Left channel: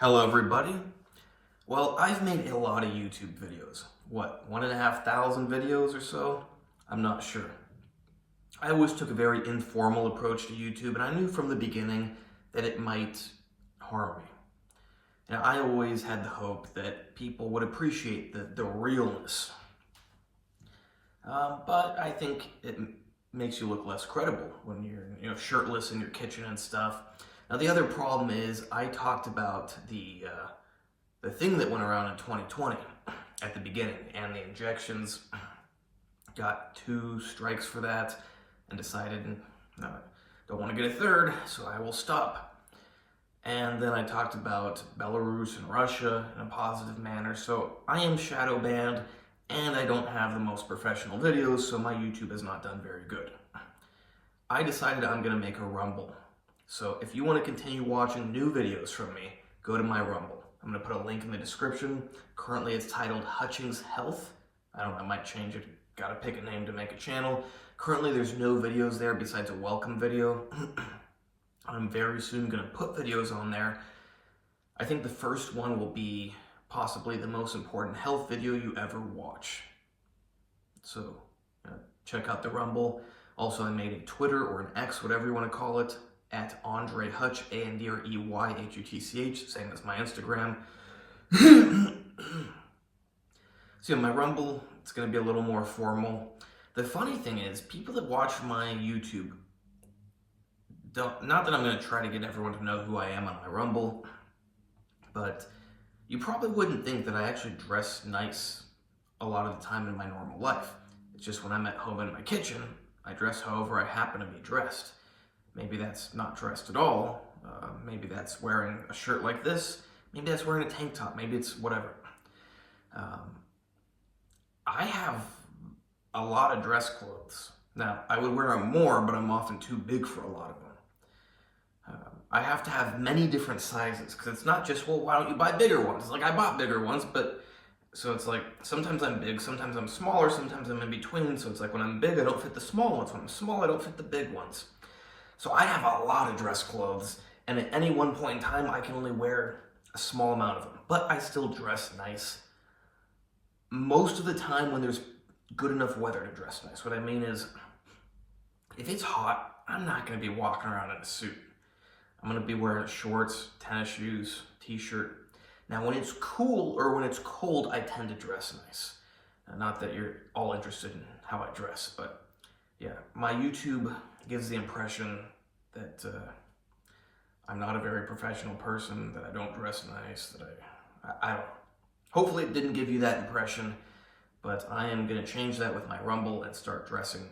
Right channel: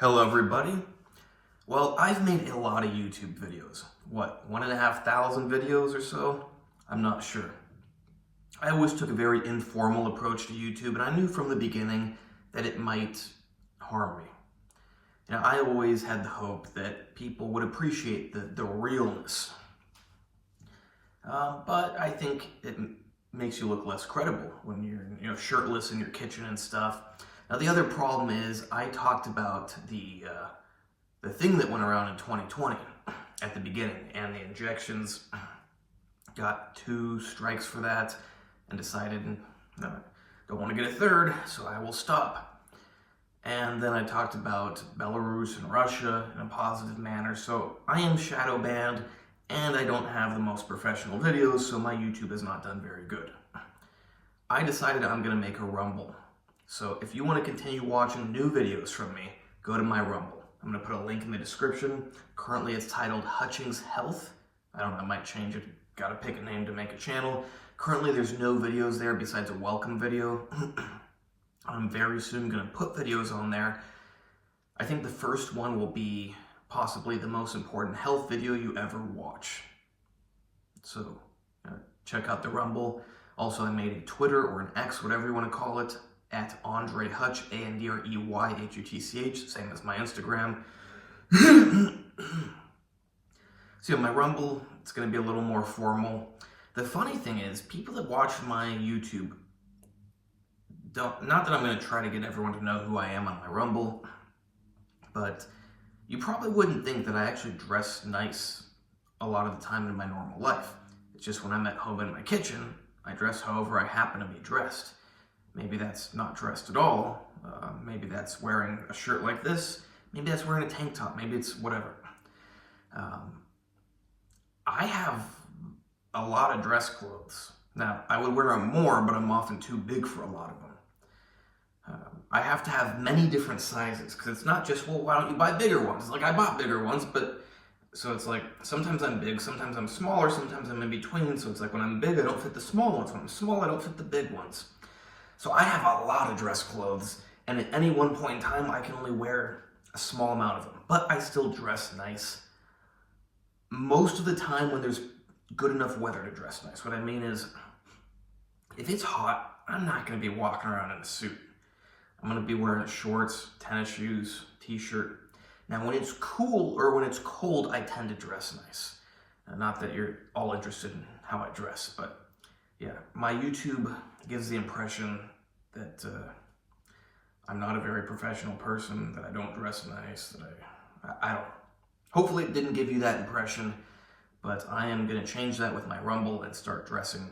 Hello everybody. Well, I've made a lot of YouTube videos. What, 1,500 videos or so? I'm not sure. I always took a very informal approach to YouTube, and I knew from the beginning that it might harm me. I always had the hope that people would appreciate the realness. But I think it makes you look less credible when you're shirtless in your kitchen and stuff. Now the other problem is I talked about the thing that went around in 2020 at the beginning, and the injections. Got 2 strikes for that and decided don't want to get a third, so I will stop. And then I talked about Belarus and Russia in a positive manner. So I am shadow banned, and I don't have the most professional videos, so my YouTube has not done very good. I decided I'm going to make a Rumble. So if you want to continue watching new videos from me, go to my Rumble. I'm going to put a link in the description. Currently it's titled Hutchings Health. I don't know, I might change it. Got to pick a name to make a channel. Currently there's no videos there besides a welcome video. I'm very soon going to put videos on there. I think the first one will be possibly the most important health video you ever watch. So check out the Rumble. Also, I made a Twitter or an X, whatever you want to call it, at Andre Hutch, ANDREYHUTCH, same as my Instagram. So my Rumble, it's going to be a little more formal. The funny thing is, people that watch my YouTube not that I'm going to try to get everyone to know who I am on my Rumble, but you probably wouldn't think that I actually dress nice a lot of the time in my normal life. It's just when I'm at home in my kitchen, I dress however I happen to be dressed. Maybe that's not dressed at all. Maybe that's wearing a shirt like this. Maybe that's wearing a tank top. Maybe it's whatever. I have a lot of dress clothes. Now, I would wear them more, but I'm often too big for a lot of them. I have to have many different sizes, because it's not just, well, why don't you buy bigger ones? Like, I bought bigger ones, but, so it's like, sometimes I'm big, sometimes I'm smaller, sometimes I'm in between, so it's like, when I'm big, I don't fit the small ones. When I'm small, I don't fit the big ones. So I have a lot of dress clothes, and at any one point in time, I can only wear a small amount of them, but I still dress nice. Most of the time when there's good enough weather to dress nice. What I mean is, if it's hot, I'm not going to be walking around in a suit. I'm going to be wearing shorts, tennis shoes, t-shirt. Now, when it's cool or when it's cold, I tend to dress nice. Not that you're all interested in how I dress, but yeah, my YouTube gives the impression that I'm not a very professional person, that I don't dress nice, that I don't. Hopefully it didn't give you that impression, but I am going to change that with my Rumble and start dressing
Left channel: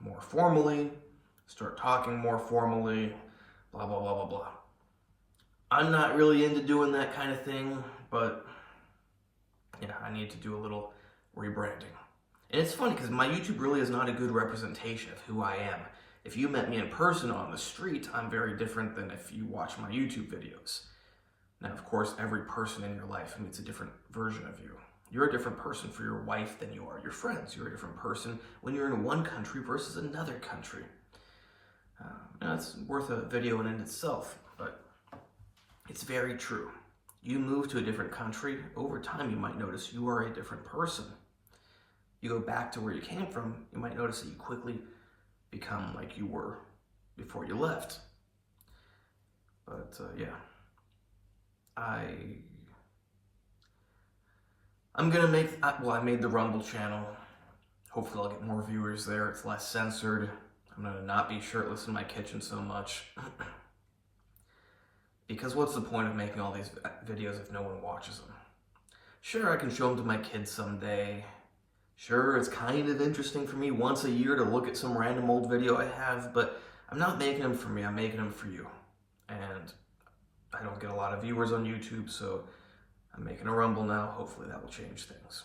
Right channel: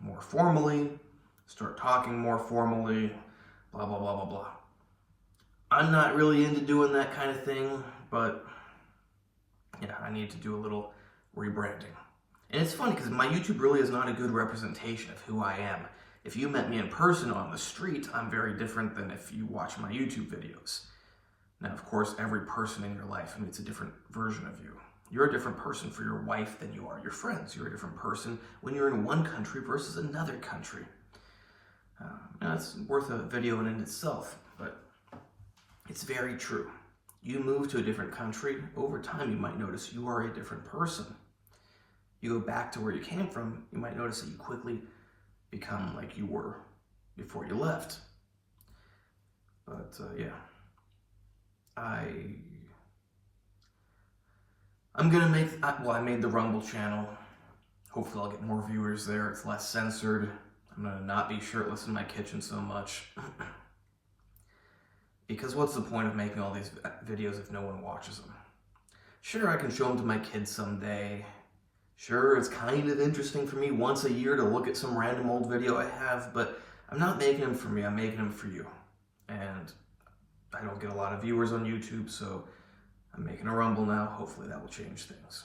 more formally, start talking more formally, blah, blah, blah, blah, blah. I'm not really into doing that kind of thing, but yeah, I need to do a little rebranding. And it's funny because my YouTube really is not a good representation of who I am. If you met me in person on the street, I'm very different than if you watch my YouTube videos. Now, of course, every person in your life meets a different version of you. You're a different person for your wife than you are your friends. You're a different person when you're in one country versus another country. It's worth a video in itself, but it's very true. You move to a different country, over time you might notice you are a different person. You go back to where you came from, you might notice that you quickly become like you were before you left. But yeah, I'm gonna make, well, I made the Rumble channel. Hopefully I'll get more viewers there. It's less censored. I'm gonna not be shirtless in my kitchen so much. Because what's the point of making all these videos if no one watches them? Sure, I can show them to my kids someday. Sure, it's kind of interesting for me once a year to look at some random old video I have, but I'm not making them for me, I'm making them for you. And I don't get a lot of viewers on YouTube, so I'm making a Rumble now. Hopefully that will change things.